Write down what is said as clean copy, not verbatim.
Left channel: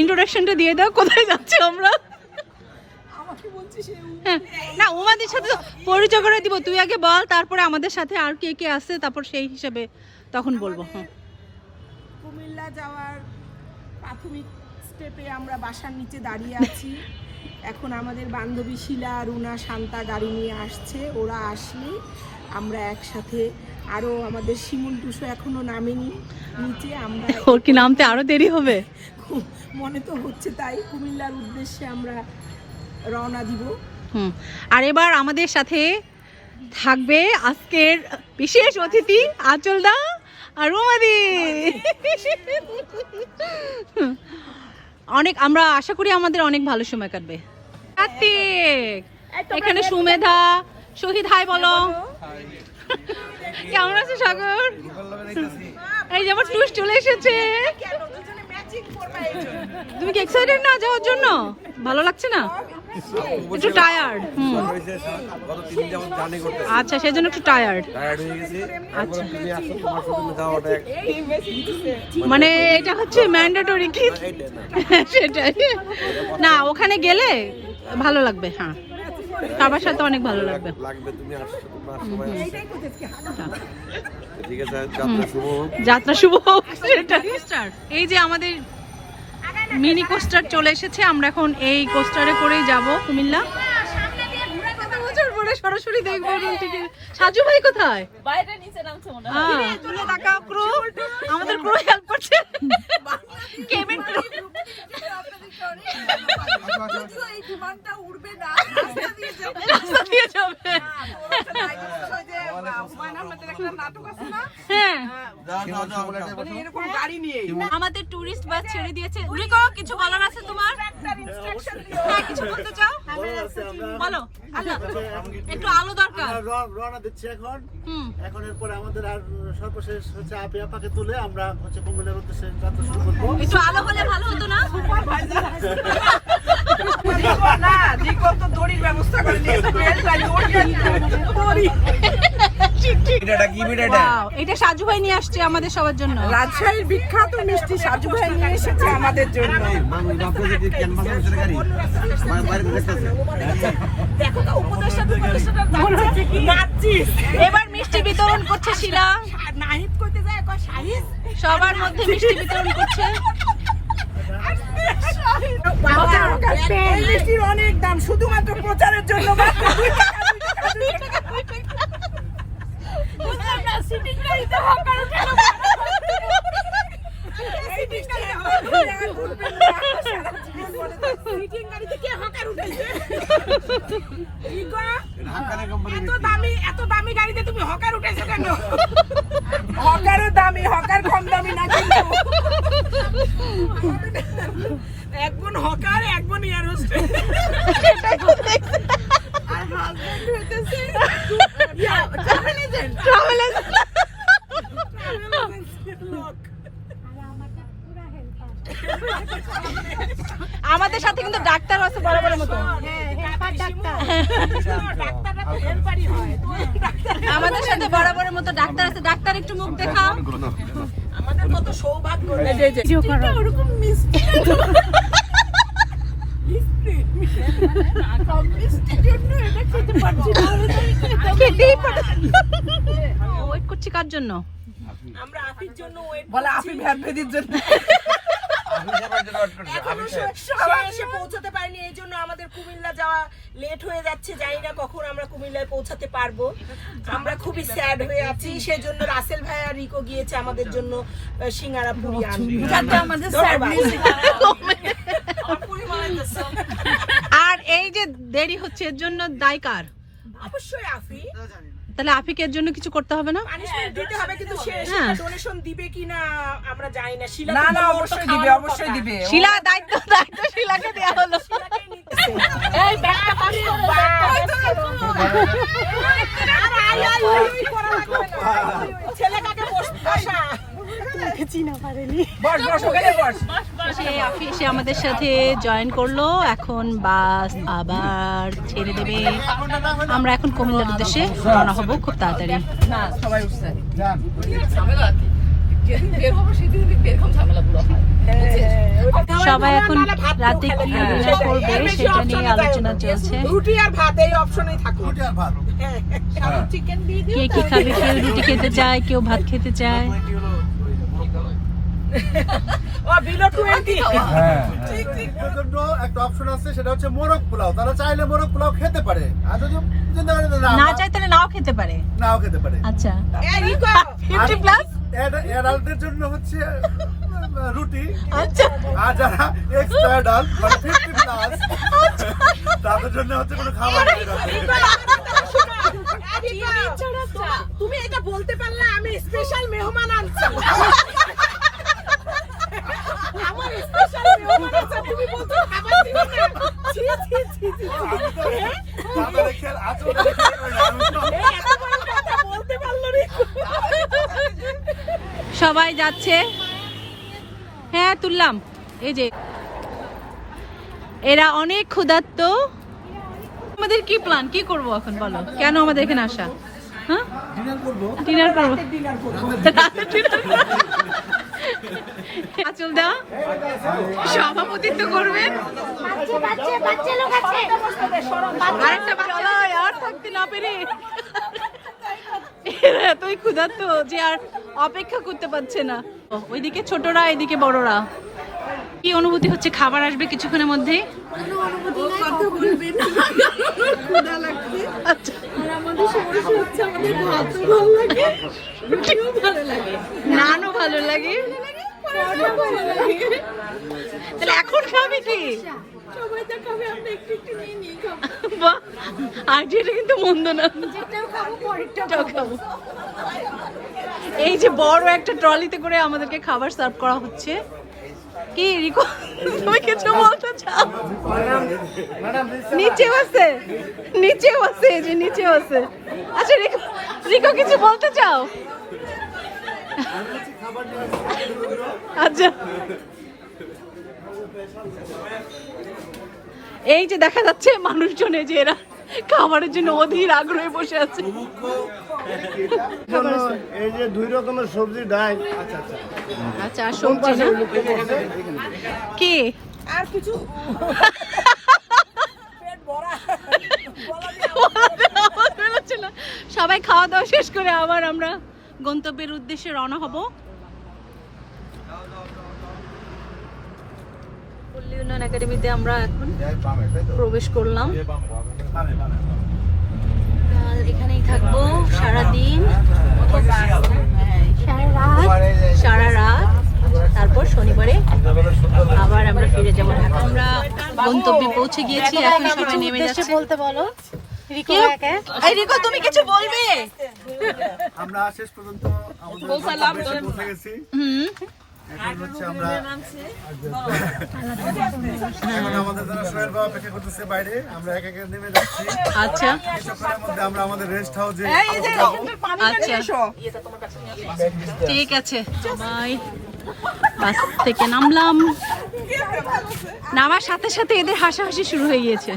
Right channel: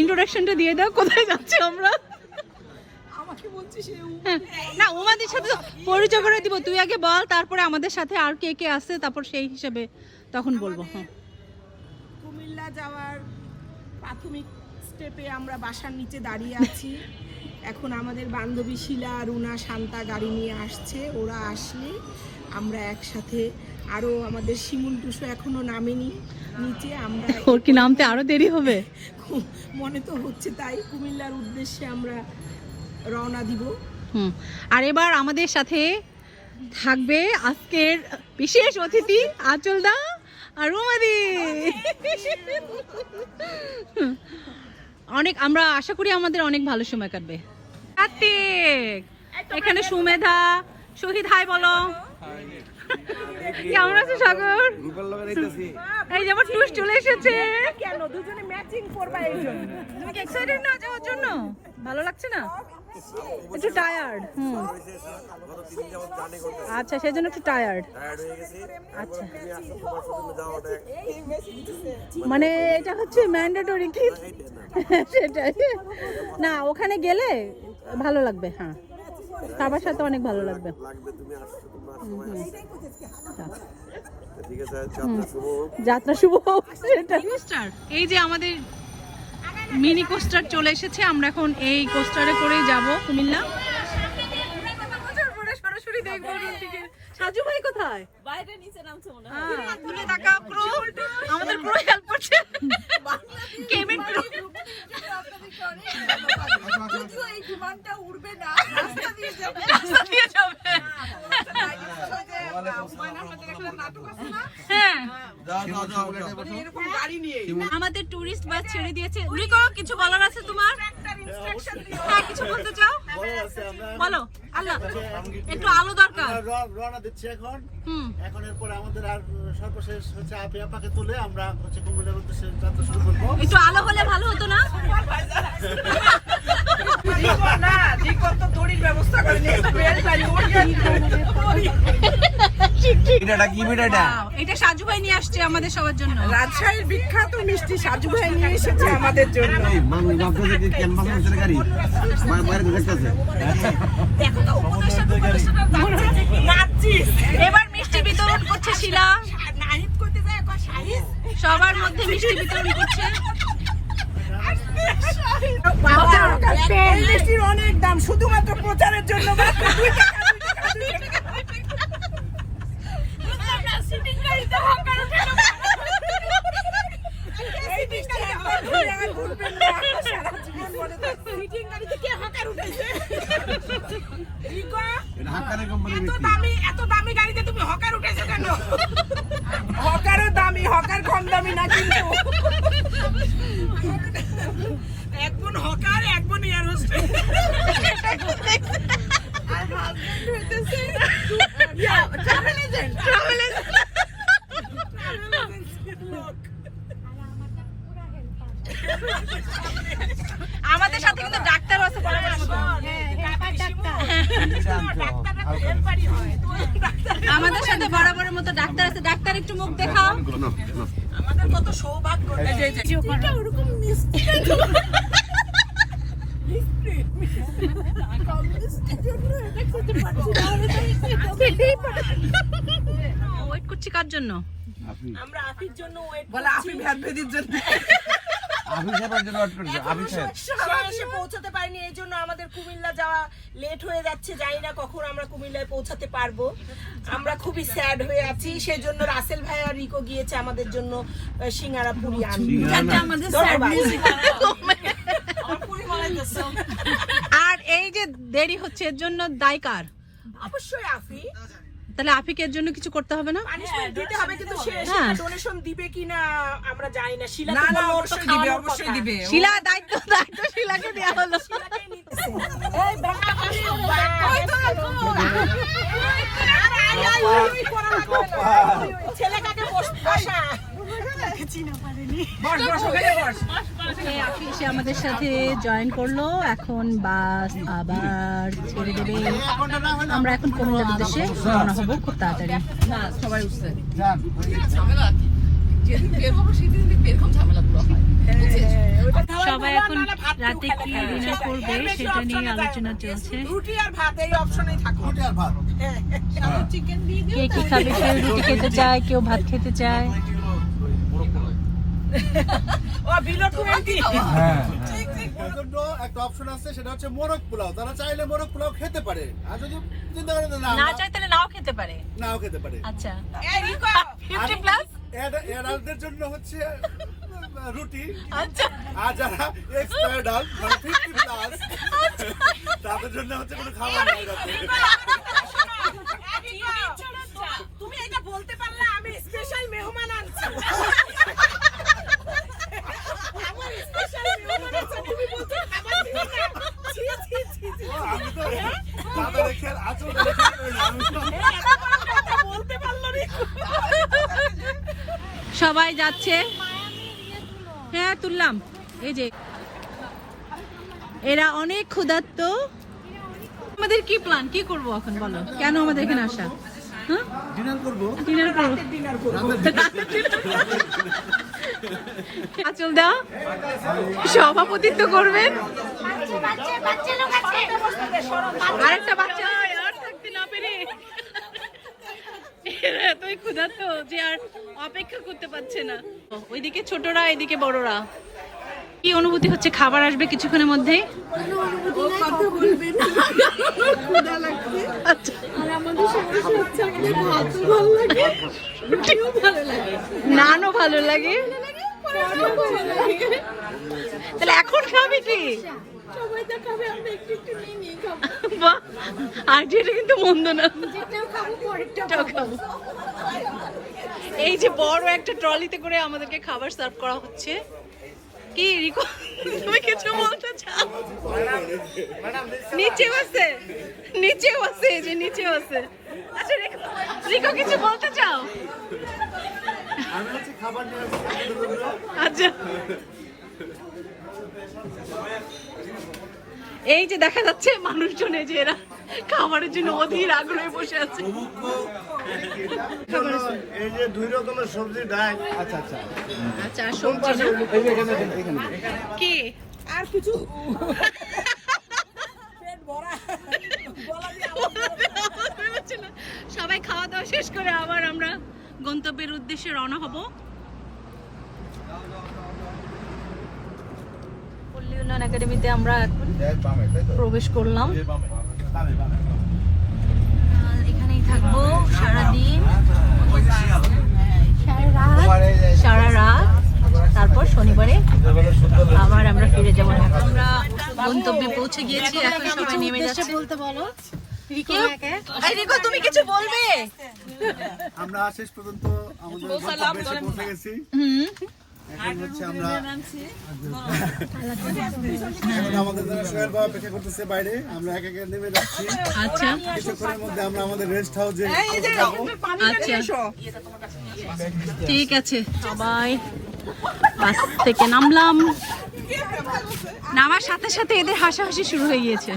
ইন্ট্রোডাকশনটা দিয়ে দাও, কোথায় যাচ্ছি আমরা? না, উমাদের সাথে পরিচয় করে দিব, তুই আগে বল, তারপরে আমাদের সাথে আর কে কে আছে, তারপর সেই হিসাবে তখন বলবো। কুমিল্লা যাওয়ার প্রাথমিক স্টেপে আমরা বাসার নিচে দাঁড়িয়ে আছি। এখন আমাদের বান্ধবী শিলা, রুনা, শান্তা গাড়ি নিয়ে আসছে। ওরা আসলে আমরা একসাথে, আরো আমাদের শিমুল টুসু এখনো নামেনি নিচে, আমরা ওর কি নামতে আরো দেরি হবে মনে তো হচ্ছে তাই। কুমিল্লার উদ্দেশ্যে আমরা রওনা দিব। আর এবার আমাদের সাথে থাকবে আজকের বিশেষ অতিথি আঁচল দা আর উমাদি। অনেক, আমরা আশা করি আমাদের অনেক ভালো সময় কাটবে। কার্তিক, এখানে সুমেধা, শহীদ, হাই বলো। কেমন আছে সাগর? এই যে আমার টুস চলে এসেছে। তুমি কি এক্সাইটেড না যাওয়ার জন্য? ভালো লাগছে না? একটু টায়ার্ড? আচ্ছা, সেজন্য একটু টায়ার্ড হয়ে গেছি। মানে এটা হচ্ছে ম্যান্ডেটরি কি? সেটাই না, ওখানে গেলে ভালো লাগবে। হ্যাঁ, সবার সাথে অনেক ভালো লাগবে। যাত্রা শুভ হোক। এই যে আমাদের মিনি কোস্টার চলে এসেছে, আমরা এখন এই কোস্টারে করেই যাব কুমিল্লা। সরাসরি দেখবো। সাজু ভাই কোথায়? বাইরে নিচে নামছে মনে হয়। তুলে টাকা ক্রু, আমাদের ক্রু হেল্প করছে। Cayman crew. যদিও এই বিমানটা উড়বে না, রাস্তা দিয়ে যাবে। রাস্তা দিয়ে যাবে। হ্যাঁ, আমাদের টুরিস্ট বাস ছেড়ে দিয়েছে। রিকো, কিছু বলার আছে তোমার? হ্যাঁ, কিছু বলতে চাও? বলো। আল্লাহ, একটু আলো দরকার। রওনা দিচ্ছি এখন। এখন এরপরে আমাদের আর সর্বশেষ হচ্ছে আপি আপাকে তুলে আমরা হচ্ছে কুমিল্লার উদ্দেশ্যে যাত্রা শুরু করব। একটু আলো হলে ভালো হতো না? না, রিকো তো দড়ির ব্যবস্থা করে নিয়েছে। এটা সাজু ভাই নিয়ে আসছে আমাদের সবার জন্য। রাজশাহীর বিখ্যাত মিষ্টি সাজু ভাই নিয়ে এসেছে আমাদের জন্য। এবার মিষ্টি বিতরণ করছে শিলা, সবার মধ্যে মিষ্টি বিতরণ করছে। মিষ্টির অনেক দাম, শুধুমাত্র প্রচারের জন্য। এত দামি গাড়িতে তুমি হকার উঠেছো কেন? হকারও দামি, হকার কম দামি না কিন্তু। একজন হকার, একজন এয়ার হোস্টেস। আর হাজবেন্ড হইতেছে ট্রাভেল এজেন্ট। আমাদের সাথে কিন্তু ডাক্তার আছে বড় বড় মতো। আমাদের সাথে বড় বড় মতো ডাক্তার আছে। ডাক্তার, একটু মুখ দেখাও। আমাদের কত সৌভাগ্য। ওরকম মিষ্টি ওয়েট করছি কার জন্য? আমরা আফির জন্য ওয়েট বলে, আফি ভ্যানভেদির জন্য। এখনো এসে পৌঁছাতে পারিনি, এই জন্য আমাদের কুমিল্লা যাওয়া লেট হয়ে যাচ্ছে। জানি না কখন আমরা কুমিল্লায় পৌঁছাতে পারবো। আমরা খুবই স্যাড হয়ে আছি। সেজন্য রাসেল ভাই আর রিকো গিয়েছে আমাদের জন্য সিঙ্গারা পুরি আনতে। আর এই যে দেরি হচ্ছে, এর জন্য দায় কার? অবশ্যই আফি। তাহলে আফিকে এর জন্য কিছু করতে হবে না? পানিশমেন্ট দিতে হবে, কিন্তু সে ডোনেশন দিবে কিনা আমরা জানি না। শিলা না, অবশ্যই দিবে, অবশ্যই দিবে। শিলা দায়িত্ব শিলাকে দেওয়া হলো। এই ব্যাগটা পাস করো। ছেলে কাকে বসা চিনা পারেনি। বস বস, ওখানে বস। আফি এসে আমাদের সাথে জয়েন করলো। এখন বাস আবার ছেড়ে দেবে। আমরা এখন কুমিল্লার উদ্দেশ্যে রওনা হব খুব তাড়াতাড়ি। সবাই সবাই এখন রাতে কি ডিনার করবে সেটা নিয়ে আলোচনা চলছে। রুটি আর ভাত এই অপশনেই থাকুক। রুটি আর ভাত। চিকেন দিয়ে দিও। কে কি খাবে, কেউ রুটি খেতে চায়, কেউ ভাত খেতে চায়। ও বিলো 20। হ্যাঁ, এর জন্য একটা অপশন আছে, সেটা হচ্ছে মোরগ পোলাও। তারা চাইলে মোরগ পোলাও খেতে পারে, আর যদি চিন্তা করে না চাই তাহলে নাও খেতে পারে। নাও খেতে পারে। আচ্ছা, এই রিকো 50 প্লাস। অ্যাডাল্টদের জন্য হচ্ছে রুটি, আচ্ছা, আর যারা এক্সট্রা অ্যাডাল্ট মানে 50 প্লাস তাদের জন্য হচ্ছে কোনো খাবার নেই রাতে। তুমি এটা বলতে পারলে আমি স্পেশাল মেহমান আনছি। আমার স্পেশাল মেহমান আছে, তুমি বলছো খাবার দিবে না। ছি ছি ছি ছি। আমি তো দাদা রেখে আচরণ রেখে আমি তো বলতে পারলো রে। সবাই যাচ্ছে। হ্যাঁ তুললাম। এই যে এরা অনেক ক্ষুধার্ত। আমাদের কি প্ল্যান, কি করব এখন বলো, কেন আমাদের এখানে আসা? হ্যাঁ, ডিনার করব। ডিনার করবো। ডিনার করব। আচল দা সভাপতিত্ব করবেন। আরেকটা বাচ্চা আর থাকতে না পেরে এতই ক্ষুধার্ত যে আর অপেক্ষা করতে পারছে না। ওইদিকে ছোটরা, এদিকে বড়রা। কি অনুভূতি হচ্ছে? খাবার আসবে কিছুক্ষণের মধ্যেই। ক্ষুধা লাগছে। আচ্ছা, আর আমাদের সমস্যা হচ্ছে আমাদের ভাতও ভালো লাগে, রুটিও ভালো লাগে, নানও ভালো লাগে। পরোটাও ভালো লাগে। তাহলে এখন খাবে কি? সবাই যা খাবে আমরা একটু একটু নিয়ে নিয়ে খাবো। বাহ, আর যেটা কিন্তু মন্দ না। যেটাও খাবো পরেরটাও এটাও খাবো। এই যে বড় একটা ট্রলিতে করে আমাদেরকে খাবার সার্ভ করা হচ্ছে। কি রিকো, তুমি কিছু বলতে চাও? নিচেও আছে, নিচেও আছে, এই যে নিচেও আছে। আচ্ছা রিকো, রিকো কিছু বলতে চাও? আমি হচ্ছে খাবার নিয়ে আসছি। আচ্ছা, এই যে দেখা যাচ্ছে মানুষজন, এই যে এরা খাবারের জন্য অধীর আগ্রহে বসে আছে। খাবার আছে। এই যে 2 রকমের সবজি ডাল। আচ্ছা আচ্ছা। আচ্ছা, আর সবজি না কি? আর কিছু পেট ভরা সবাই খাওয়া দাওয়া শেষ করে আবার আমরা গন্তব্যের উদ্দেশ্যে রওনা হব। পল্লী উন্নয়ন একাডেমিতে আমরা এখন প্রবেশ করলাম। এখানেই থাকবো সারাদিন, সারা রাত। তারপর শনিবারে আবার আমরা ফিরে যাবো ঢাকা। আমরা গন্তব্যে পৌঁছে গিয়েছি, এখন সবাই নেমে যাচ্ছে। বলতে বলো রিকো, তুমি কিছু বলবে? আমরা শেষ পর্যন্ত আমাদের গন্তব্যে এসে পৌঁছে গেছি। এখন হচ্ছে আমরা এখন আমাদের জন্য সোহেল বাবা অপেক্ষা করতেছে বাইরে। আমরা এক একে নেমে যাচ্ছি। আচ্ছা কিছুক্ষণের মধ্যে আমরা আমাদের রেস্ট হাউসে আচ্ছা, ঠিক আছে। সবাই বাস থেকে নামলাম। নামার সাথে সাথে এদের হাসাহাসি শুরু হয়ে গিয়েছে।